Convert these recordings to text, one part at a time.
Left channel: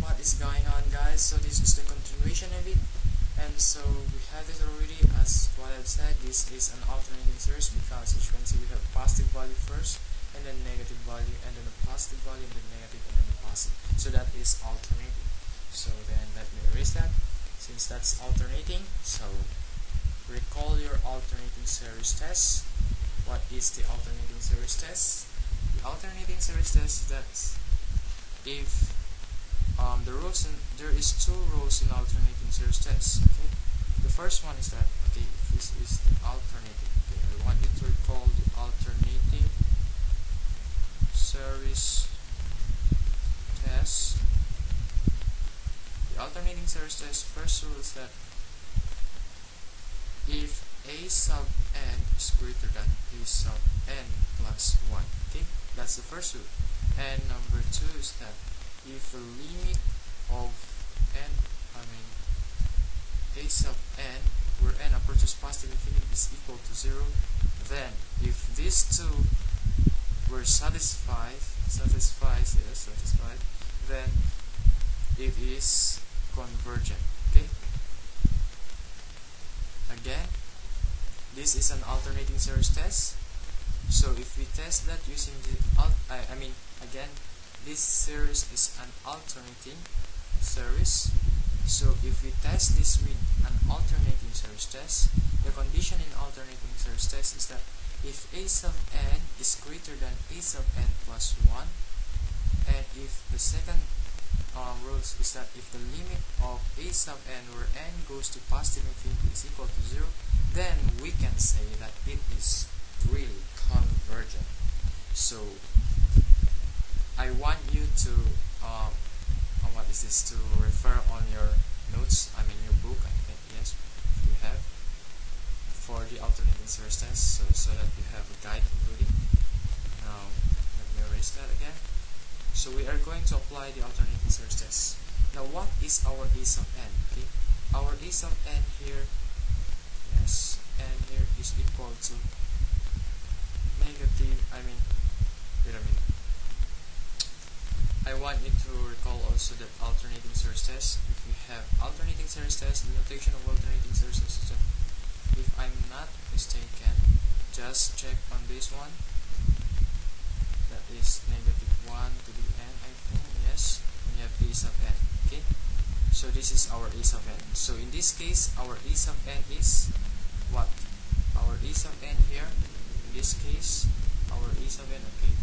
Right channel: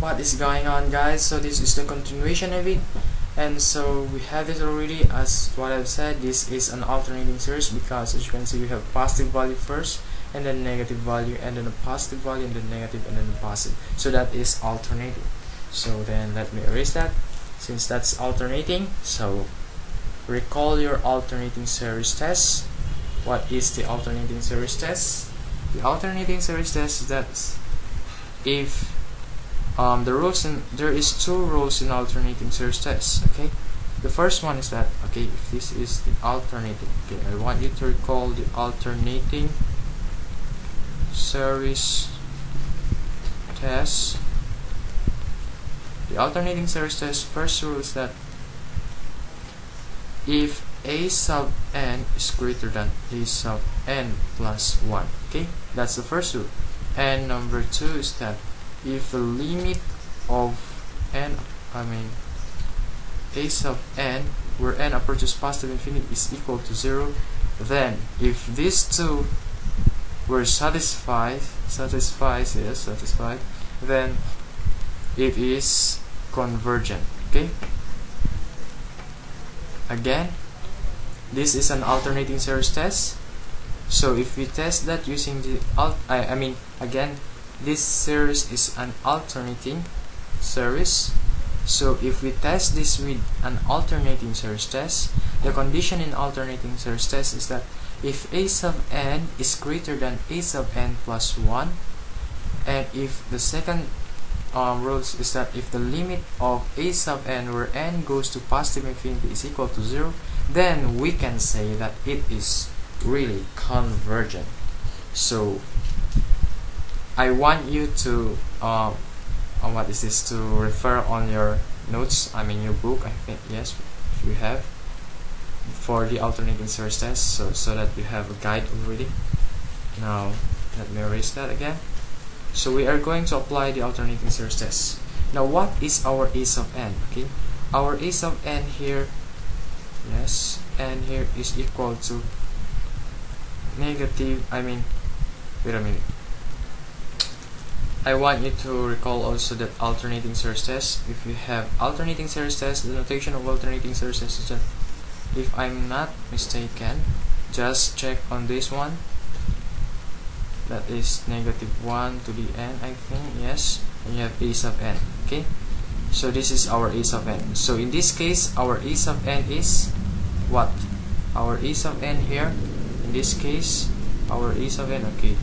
What is going on, guys? So this is the continuation of it, and so we have it already. As what I've said, this is an alternating series because as you can see we have positive value first and then negative value and then a positive value and then negative and then positive, so that is alternating. So then let me erase that since that's alternating. So recall your alternating series test. What is the alternating series test? The alternating series test is that if there is two rules in alternating series test. Okay, the first one is that, okay, if this is the alternating, okay, I want you to recall the alternating series test. The alternating series test first rule is that if a sub n is greater than a sub n plus 1, okay, that's the first rule. And number two is that if the limit of n, a sub n, where n approaches positive infinity, is equal to 0, then if these two were satisfied, then it is convergent. Okay, again, this is an alternating series test. So if we test that using the again, this series is an alternating series. So if we test this with an alternating series test, the condition in alternating series test is that if a sub n is greater than a sub n plus 1, and if the second rule is that if the limit of a sub n where n goes to positive infinity is equal to 0, then we can say that it is really convergent. So I want you to to refer on your notes, your book, I think, yes, if you have, for the alternating series test, so that you have a guide already. Now let me erase that again. So we are going to apply the alternating series test. Now what is our a sub n? Okay, our a sub n here, yes, n here is equal to negative, wait a minute, I want you to recall also that alternating series test. If you have alternating series test, the notation of alternating series test is that, if I'm not mistaken, just check on this one, that is negative 1 to the n, I think, yes, and you have a sub n. Okay, so this is our a sub n. So in this case, our a sub n is what? Our a sub n here, in this case, our a sub n, okay,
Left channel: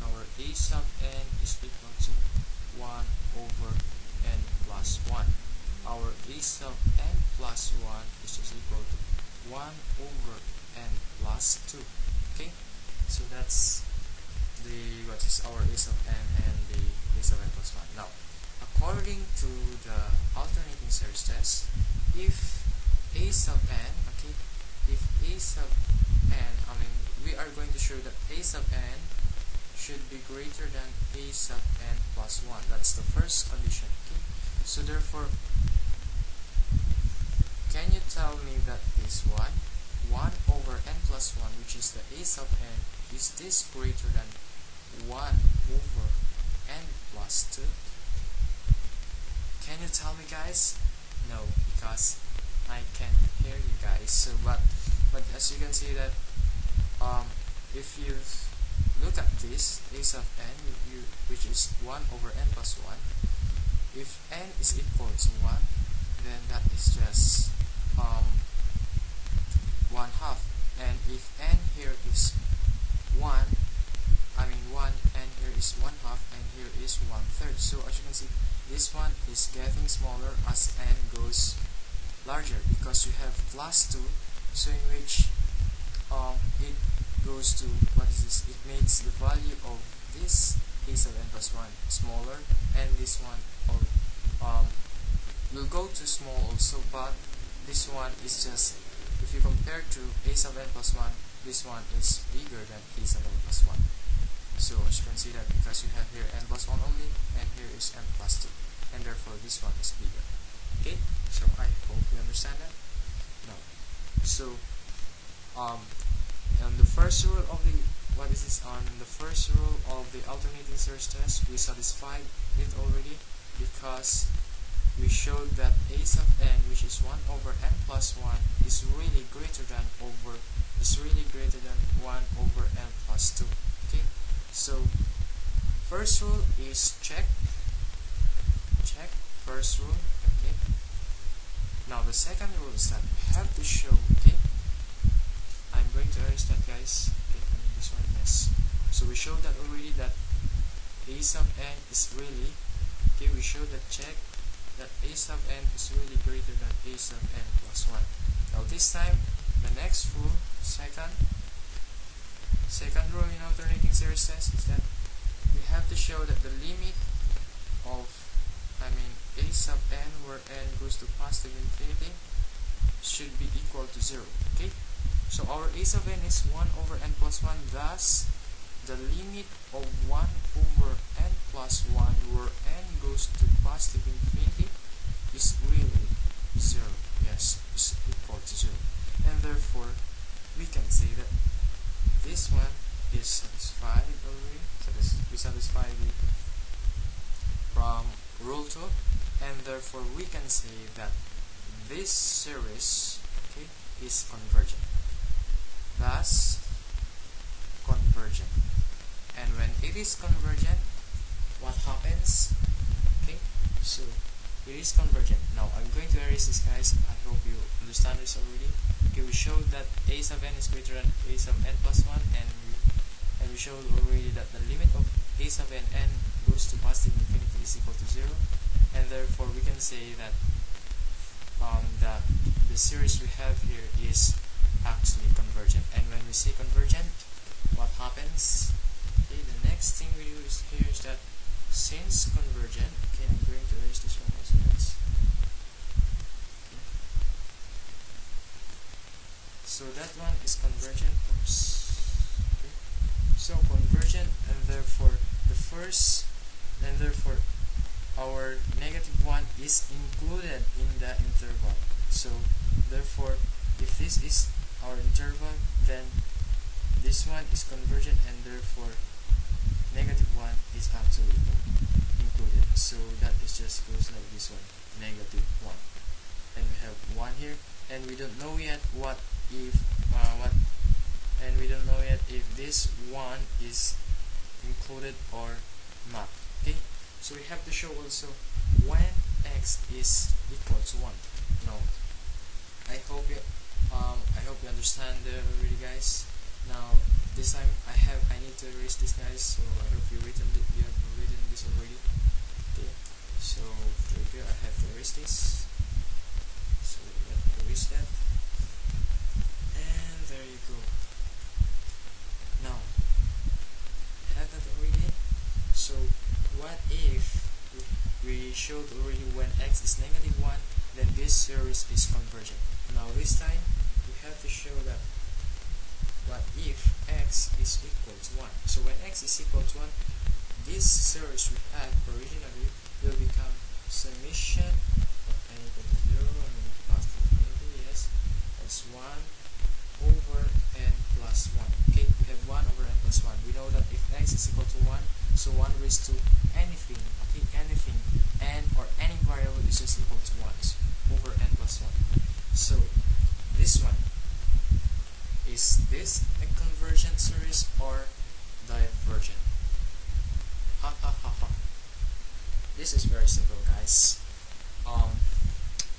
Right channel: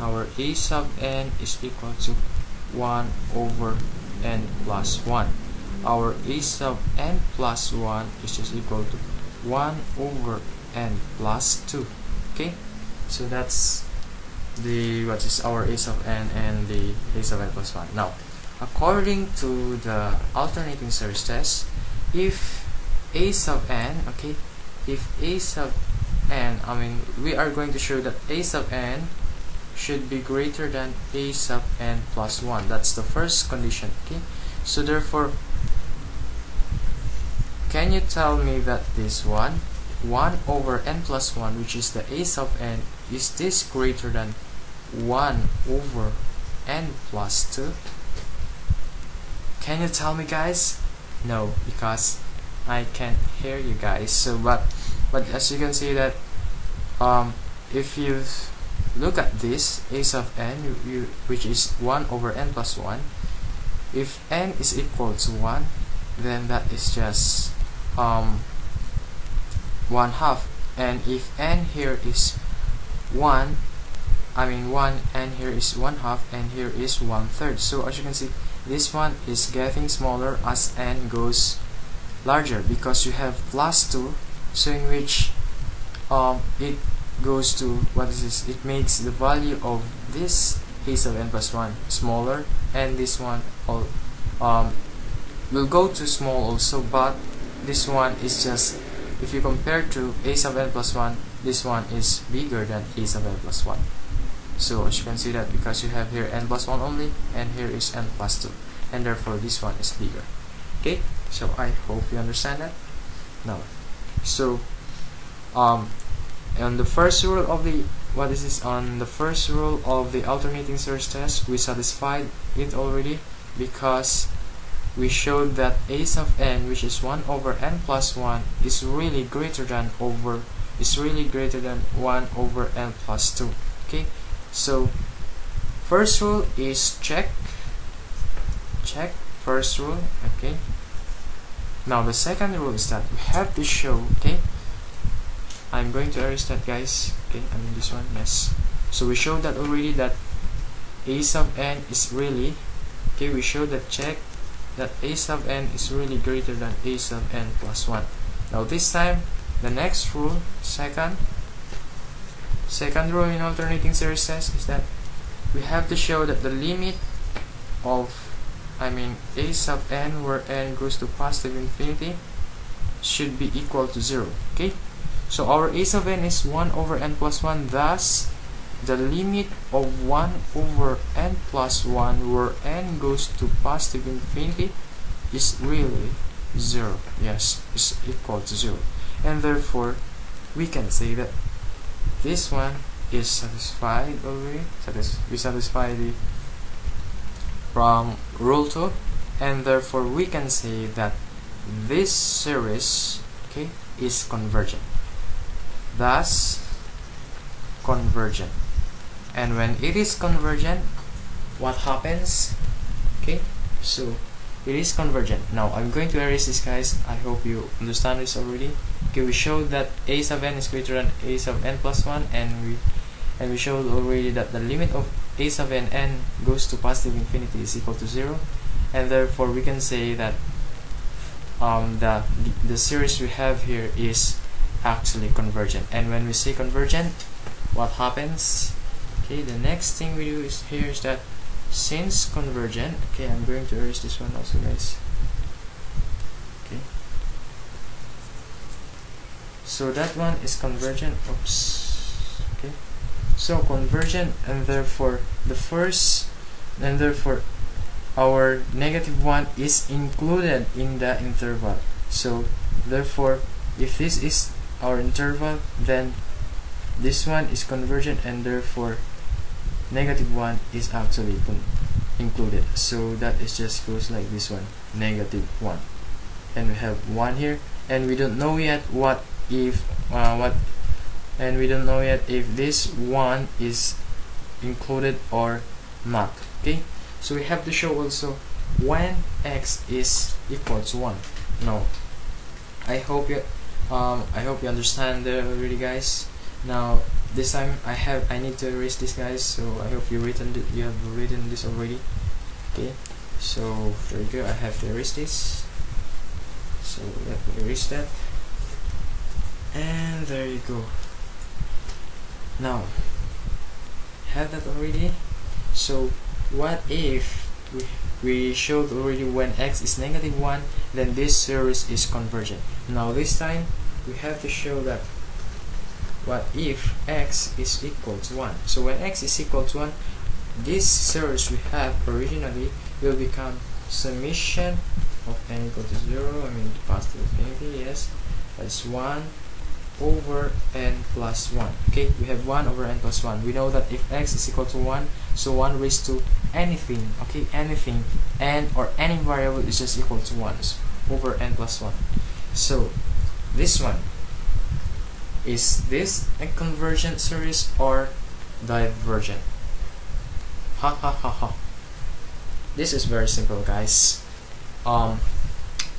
our a sub n is equal to 1 over n plus 1. Our a sub n plus 1 is just equal to 1 over n plus 2. Okay, so that's what is our a sub n and the a sub n plus 1. Now, according to the alternating series test, if a sub n, okay, if a sub n, we are going to show that a sub n should be greater than a sub n plus 1. That's the first condition. Okay, so therefore, can you tell me that this 1 over n plus 1, which is the a sub n, is this greater than 1 over n plus 2? Can you tell me, guys? No, because I can't hear you guys. So but as you can see that if you look at this a sub n, which is 1 over n plus 1, if n is equal to 1, then that is just 1/2, and if n here is 1, n here is 1/2 and here is 1/3. So as you can see, this one is getting smaller as n goes larger, because you have plus 2, so in which it goes to, what is this, it makes the value of this a sub n plus 1 smaller, and this one will go to small also, but this one is just, if you compare to a sub n plus 1, this one is bigger than a sub n plus 1. So as you can see that, because you have here n plus 1 only, and here is n plus 2, and therefore this one is bigger. Okay, so I hope you understand that. Now, so on the first rule of the what is this? On the first rule of the alternating series test, we satisfied it already because we showed that a sub n, which is 1 over n plus 1, is really greater than 1 over n plus 2. Okay, so first rule is check first rule. Okay, now the second rule is that we have to show, okay, I'm going to erase that, guys. Okay, I mean this one, yes. So we showed that already, that a sub n is really, okay, we showed that, check that a sub n is really greater than a sub n plus 1. Now this time, the next rule, second rule in alternating series test is that we have to show that the limit of, a sub n, where n goes to positive infinity, should be equal to 0. Okay, so our a sub n is 1 over n plus 1, thus the limit of 1 over n plus 1 where n goes to positive infinity is really 0. Yes, is equal to 0. And therefore, we can say that this one is satisfied already. We satisfy the from rule 2, and therefore we can say that this series, okay, is convergent. Thus, convergent. And when it is convergent, what happens? Okay, so it is convergent. Now I'm going to erase this, guys. I hope you understand this already. Okay, we showed that a sub n is greater than a sub n plus 1, and we showed already that the limit of a sub n goes to positive infinity is equal to 0, and therefore we can say that the series we have here is actually convergent. And when we say convergent, what happens? Okay, the next thing we do is here is that since convergent, okay, I'm going to erase this one also, guys. Okay, so that one is convergent. Oops. Okay, so convergent, and therefore our -1 is included in the interval. So therefore, if this is our interval, then this one is convergent, and therefore -1 is actually included. So that is just goes like this one, -1, and we have 1 here, and we don't know yet we don't know yet if this 1 is included or not. Okay, so we have to show also when x is equal to 1. Now I hope you understand already, guys. Now this time I need to erase this, guys, so I hope you have written this already. Okay, so there you go. I have to erase this, so let me erase that, and there you go. Now have that already. So what if we showed already when x is -1, then this series is convergent. Now this time we have to show that what if x is equal to 1. So when x is equal to 1, this series we have originally will become summation of n equal to 0, positive infinity, yes, that's 1 over n plus 1. Okay, we have 1 over n plus 1. We know that if x is equal to 1, so 1 raised to anything, okay, anything, n or any variable is just equal to 1 over n plus 1. So this one, is this a convergent series or divergent? Ha ha ha ha. This is very simple, guys.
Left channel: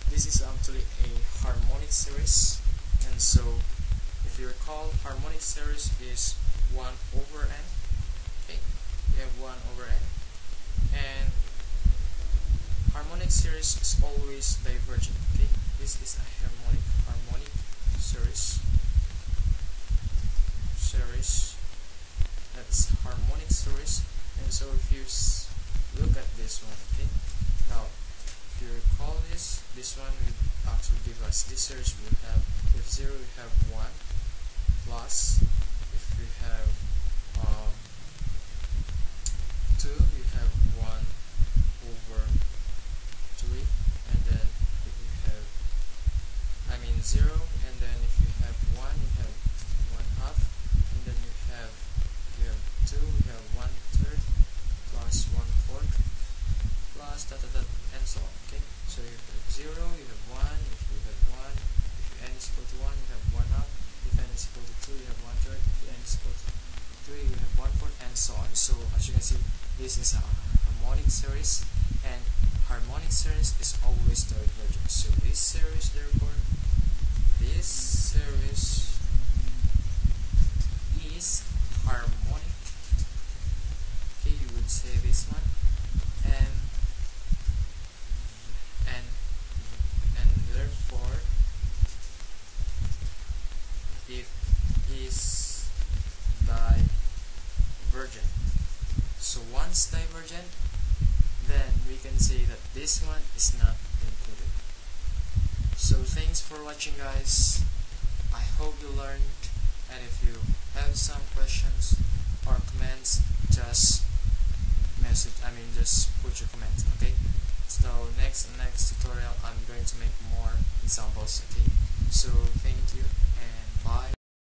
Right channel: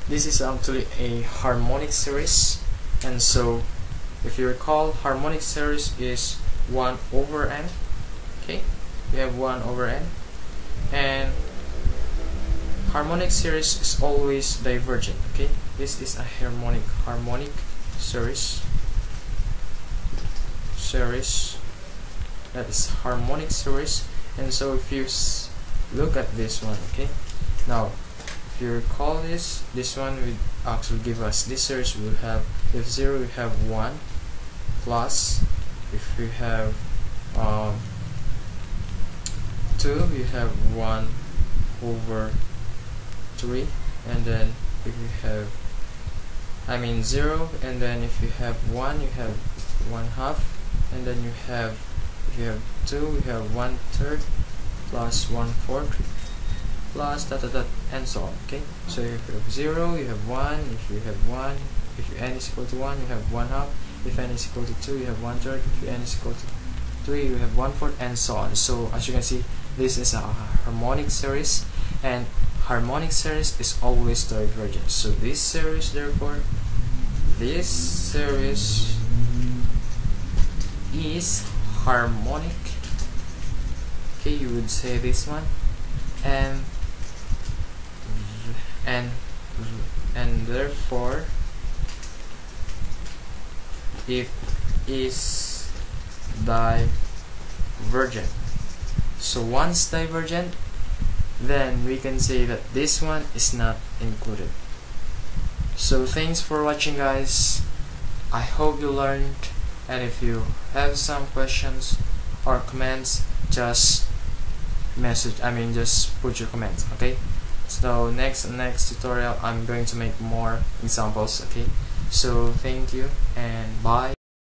This is actually a harmonic series, and so if you recall, harmonic series is 1 over n. Okay, we have 1 over n, and harmonic series is always divergent. Okay, this is a harmonic series that is harmonic series. And so if you look at this one, okay, now if you recall this one will actually give us this series. We'll have, if 0 we have 1 plus, if we have 2 we have 1 over 3, and then if you have 0, and then if you have 1 you have 1/2, and then you have if you have 2, we have 1/3 plus 1/4 plus dot dot dot and so on. Okay, so if you have 0, you have 1. If you have 1, if n is equal to 1, you have 1/2. If n is equal to 2, you have 1/3. If n is equal to 3, you have 1/4 and so on. So as you can see, this is a harmonic series, and harmonic series is always divergent. So this series, therefore, this series is harmonic. Okay, you would say this one, and therefore it is divergent. So once divergent, then we can say that this one is not included. So thanks for watching, guys. I hope you learned, and if you have some questions or comments, just just put your comments. Okay, so next tutorial I'm going to make more examples. Okay, so thank you and bye.